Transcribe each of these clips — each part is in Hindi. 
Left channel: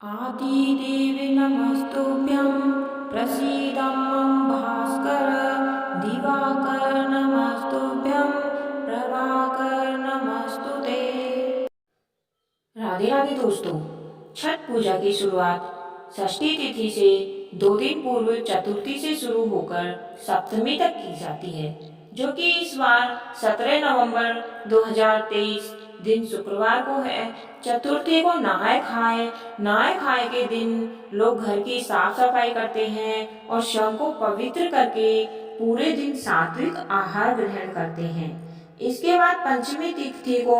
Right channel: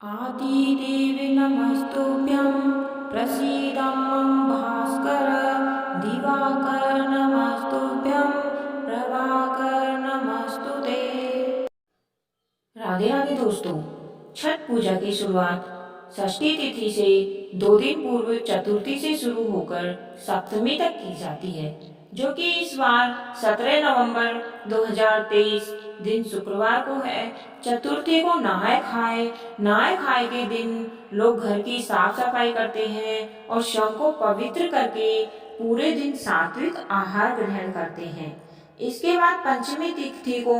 आदिदेवे नमस्तुभ्यं प्रसीद मम भास्कर दिवाकर नमस्तुभ्यं प्रभाकर नमस्तुते। राधे राधे दोस्तों, छठ पूजा की शुरुआत षष्ठी तिथि से 2 दिन पूर्व चतुर्थी से शुरू होकर सप्तमी तक की जाती है, जो कि इस बार 17 नवंबर 2023 दिन शुक्रवार को है। चतुर्थी को नहाए खाए के दिन लोग घर की साफ सफाई करते हैं और शव को पवित्र करके पूरे दिन सात्विक आहार ग्रहण करते हैं। इसके बाद पंचमी तिथि को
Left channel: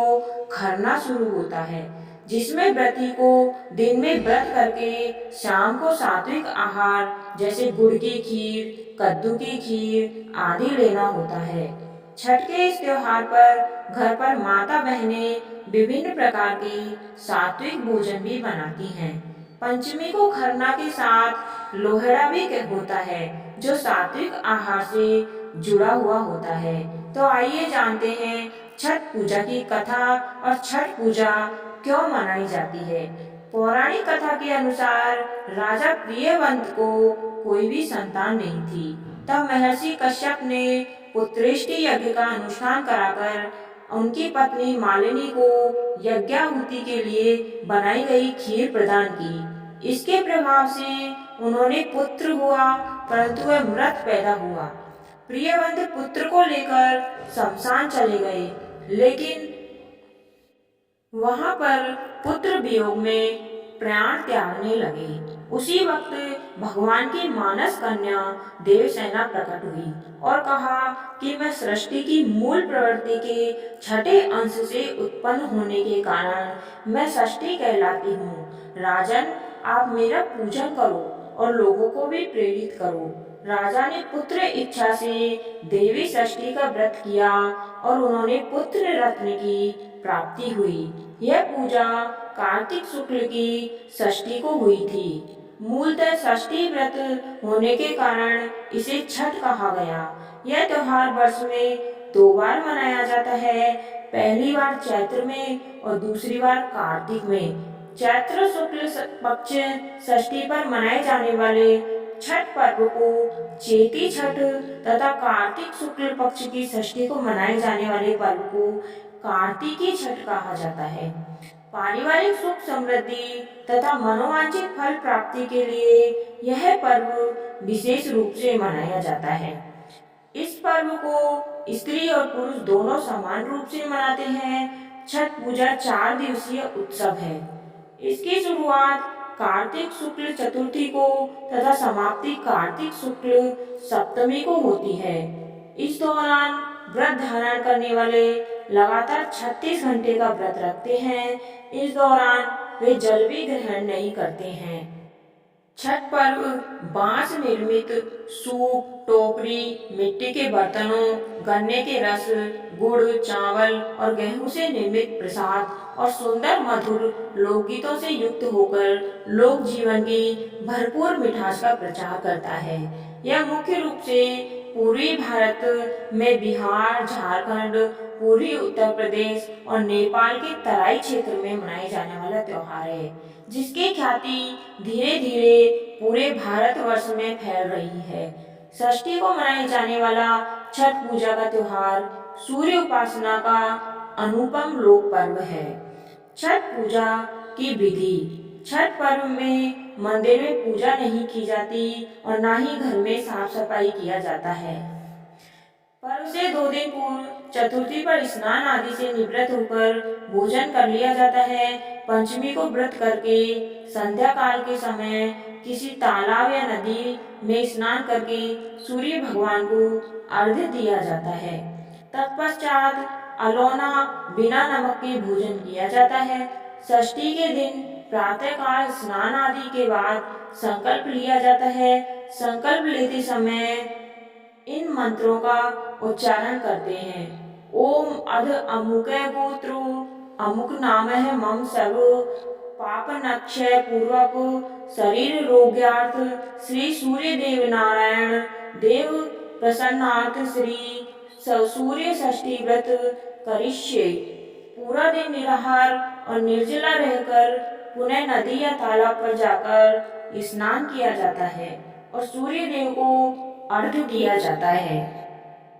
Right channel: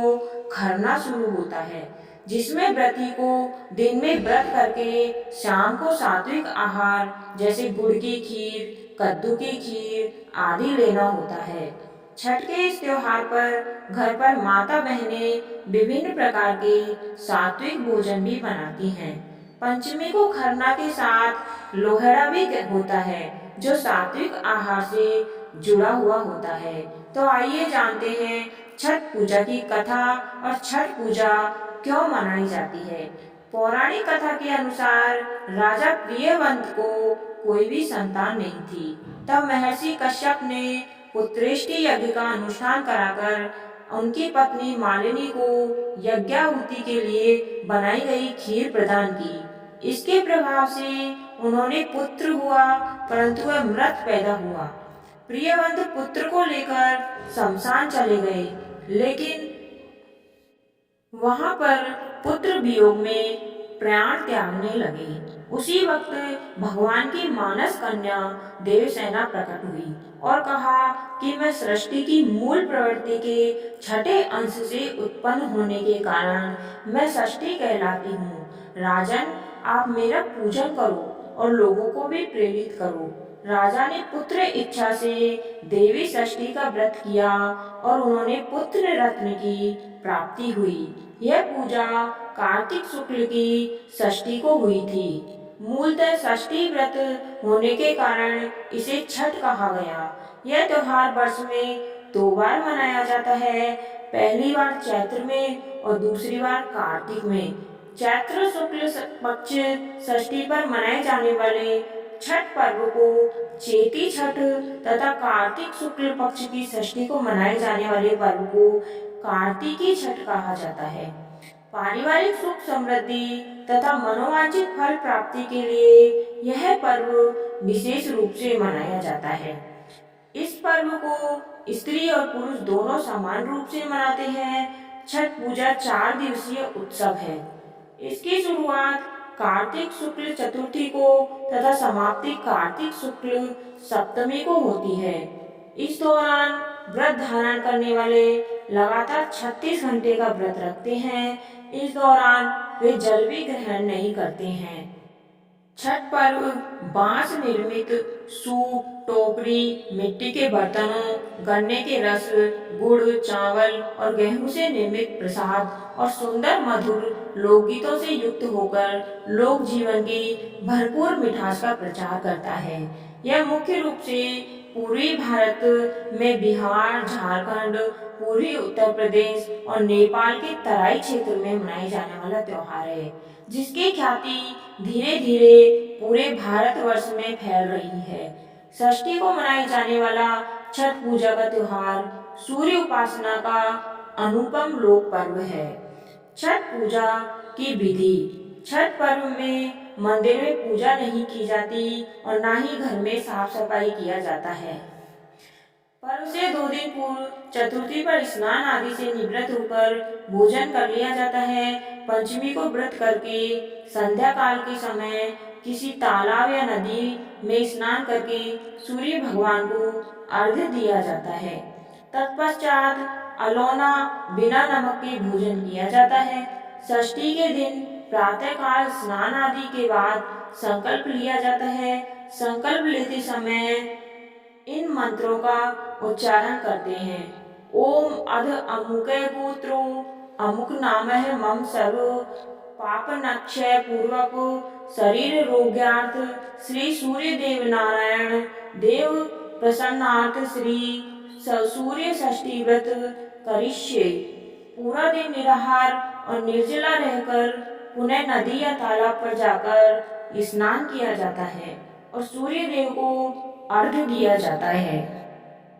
खरना शुरू होता है, जिसमें व्रती को दिन में व्रत करके शाम को सात्विक आहार जैसे गुड़ की खीर, कद्दू की खीर आदि लेना होता है। छठ के इस त्योहार पर घर पर माता बहनें विभिन्न प्रकार के सात्विक भोजन भी बनाती हैं। पंचमी को खरना के साथ लोहड़ा भी होता है, जो सात्विक आहार से जुड़ा हुआ होता है। तो आइए जानते हैं छठ पूजा की कथा और छठ पूजा क्यों मनाई जाती है। पौराणिक कथा के अनुसार राजा प्रियवंत को कोई भी संतान नहीं थी। तब महर्षि कश्यप ने पुत्रेष्टि यज्ञ का अनुष्ठान कराकर उनकी पत्नी मालिनी को यज्ञाहुति के लिए बनाई गई खीर प्रदान की। इसके प्रभाव से उन्होंने पुत्र हुआ, परंतु वह मृत पैदा हुआ। प्रियवंत पुत्र को लेकर शमशान चले गए, लेकिन वहां पर पुत्र वियोग में प्राण त्यागने लगे। उसी वक्त भगवान की मानस कन्या देवसेना प्रकट हुई और कहा कि मैं सृष्टि की मूल प्रवृत्ति के छठे अंश से उत्पन्न होने के कारण मैं षष्ठी कहलाती हूँ। राजन, आप मेरा पूजन करो और लोगों को भी प्रेरित करो। राजा ने पुत्र इच्छा से देवी षष्ठी का व्रत किया और उन्होंने पुत्र रत्न की प्राप्ति हुई। यह पूजा कार्तिक शुक्ल की षष्ठी को हुई थी। मूलतः षष्ठी व्रत होने के कारण इसे छठ कहा गया। यह त्योहार वर्ष में 2 बार मनाया जाता है, पहली बार चैत्र में और दूसरी बार कार्तिक में। चैत्र शुक्ल पक्ष षष्ठी पर मनाए जाने वाले छठ पर्व को चेटी छठ तथा कार्तिक शुक्ल पक्ष की षष्ठी को मनाए जाने वाले पर्व को कार्तिकी छठ कहा जाता है। पारिवारिक सुख समृद्धि तथा मनोवांछित फल प्राप्ति के लिए यह पर्व विशेष रूप से मनाया जाता है। इस पर्व को स्त्री और पुरुष दोनों समान रूप से मनाते हैं। छठ पूजा 4 दिवसीय उत्सव है। इसकी शुरुआत कार्तिक शुक्ल चतुर्थी को तथा समाप्ति कार्तिक शुक्ल सप्तमी को होती है। इस दौरान व्रत धारण करने वाले लगातार 36 घंटे का व्रत रखते हैं। इस दौरान वे जल भी ग्रहण नहीं करते हैं। छठ पर्व बांस निर्मित सूप, टोकरी, मिट्टी के बर्तनों, गन्ने के रस, गुड़, चावल और गेहूं से निर्मित प्रसाद और सुंदर मधुर लोकगीतों से युक्त होकर लोक जीवन की भरपूर मिठास का प्रचार करता है। यह मुख्य रूप से पूर्वी भारत में बिहार, झारखंड, पूर्वी उत्तर प्रदेश और नेपाल के तराई क्षेत्र में मनाए जाने वाला त्योहार है, जिसकी ख्याति धीरे धीरे पूरे भारतवर्ष में फैल रही है। षष्ठी को मनाए जाने वाला छठ पूजा का त्योहार सूर्य उपासना का अनुपम लोक पर्व है। छठ पूजा की विधि। छठ पर्व में मंदिर में पूजा नहीं की जाती और ना ही घर में साफ सफाई किया जाता है। पर्व से 2 दिन पूर्व चतुर्थी पर स्नान आदि से निवृत्त होकर भोजन कर लिया जाता है। पंचमी को व्रत करके संध्या काल के समय किसी तालाब या नदी में स्नान करके सूर्य भगवान को अर्घ्य दिया जाता है। तत्पश्चात अलोना बिना नमक के भोजन किया जाता है। षष्ठी के दिन प्रातःकाल स्नान आदि के बाद संकल्प लिया जाता है। संकल्प लेते समय इन मंत्रों का उच्चारण करते हैं। ओम अध अमुके गोत्रो अमुक नाम है मम सर्व पाप नक्षय पूर्वक शरीर रोग्यार्थ श्री सूर्य देव नारायण देव प्रसन्नार्थ श्री सूर्य षष्ठी व्रत करिष्ये। पूरा दिन निराहार और निर्जला रहकर पुनः नदी या तालाब पर जाकर स्नान किया जाता है और सूर्य देव को अर्घ्य दिया जाता है।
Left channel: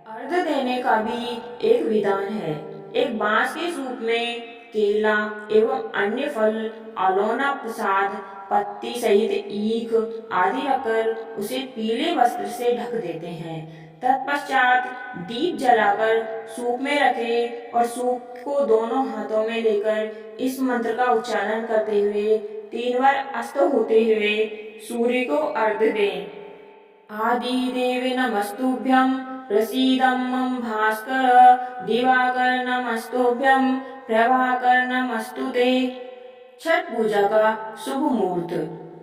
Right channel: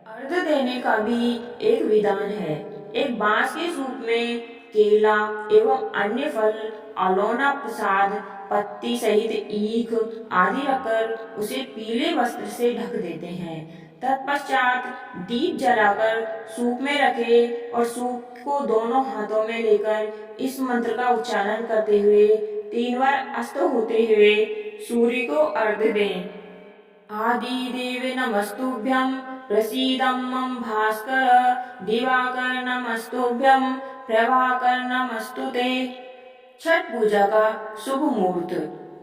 अर्घ्य देने का भी एक विधान है। एक बांस के सूप में केला एवं अन्य फल, अलोना, प्रसाद, पत्ती सहित ईख आदि रखकर उसे पीले वस्त्र से ढक देते हैं। तत्पश्चात दीप जलाकर सूप में रखे और सूप को दोनों हाथों में लेकर इस मंत्र का उच्चारण करते हुए 3 बार अस्त होते हुए सूर्य को अर्घ्य दें। आदिदेवे नमस्तुभ्यं प्रसीदं मम भास्कर, दिवाकर नमस्तुभ्यं प्रभाकर नमस्तुते। छठ पूजा का शुभ मुहूर्त।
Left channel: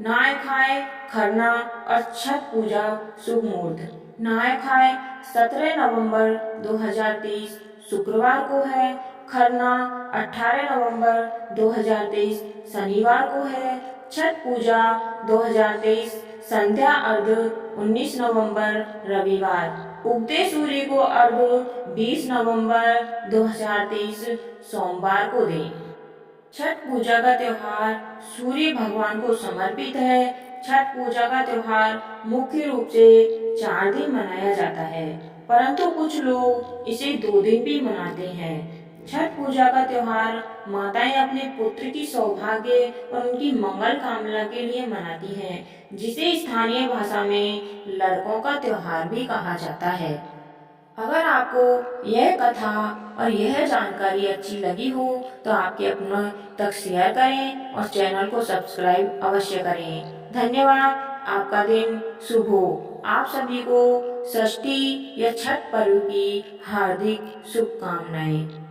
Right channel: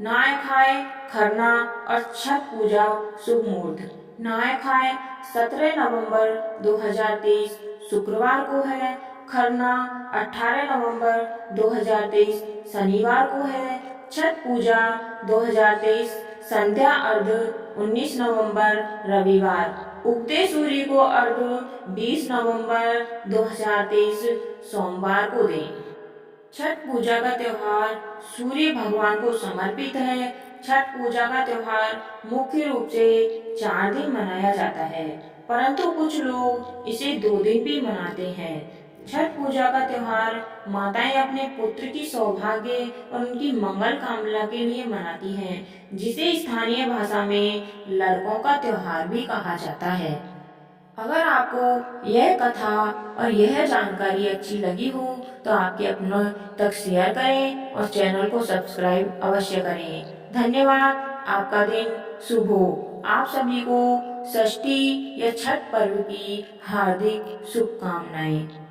नहाय खाए खरना और छठ पूजा शुभ मुहूर्त। नहाय खाए 17 नवंबर 2023 शुक्रवार को है। खरना 18 नवंबर 2023 शनिवार को है। छठ पूजा 2023 संध्या अर्घ 19 नवंबर रविवार। उगते सूर्य को अर्घ 20 नवंबर 2023 सोमवार को दें। छठ पूजा का त्योहार सूर्य भगवान को समर्पित है। छठ पूजा का त्योहार मुख्य रूप से 4 दिन मनाया जाता है, परंतु कुछ लोग इसे 2 दिन भी मनाते हैं। छठ पूजा का त्योहार माताएं अपने पुत्र की सौभाग्य और उनकी मंगल कामना के लिए मनाती हैं, जिसे स्थानीय भाषा में लड़कों का त्योहार भी कहा जाता है। अगर आपको यह कथा और यह जानकारी अच्छी लगी हो तो आपके अपनों तक शेयर करें और चैनल को सब्सक्राइब अवश्य करें। धन्यवाद। आपका दिन शुभ हो। आप सभी को षष्ठी या छठ पर्व की हार्दिक शुभकामनाएं।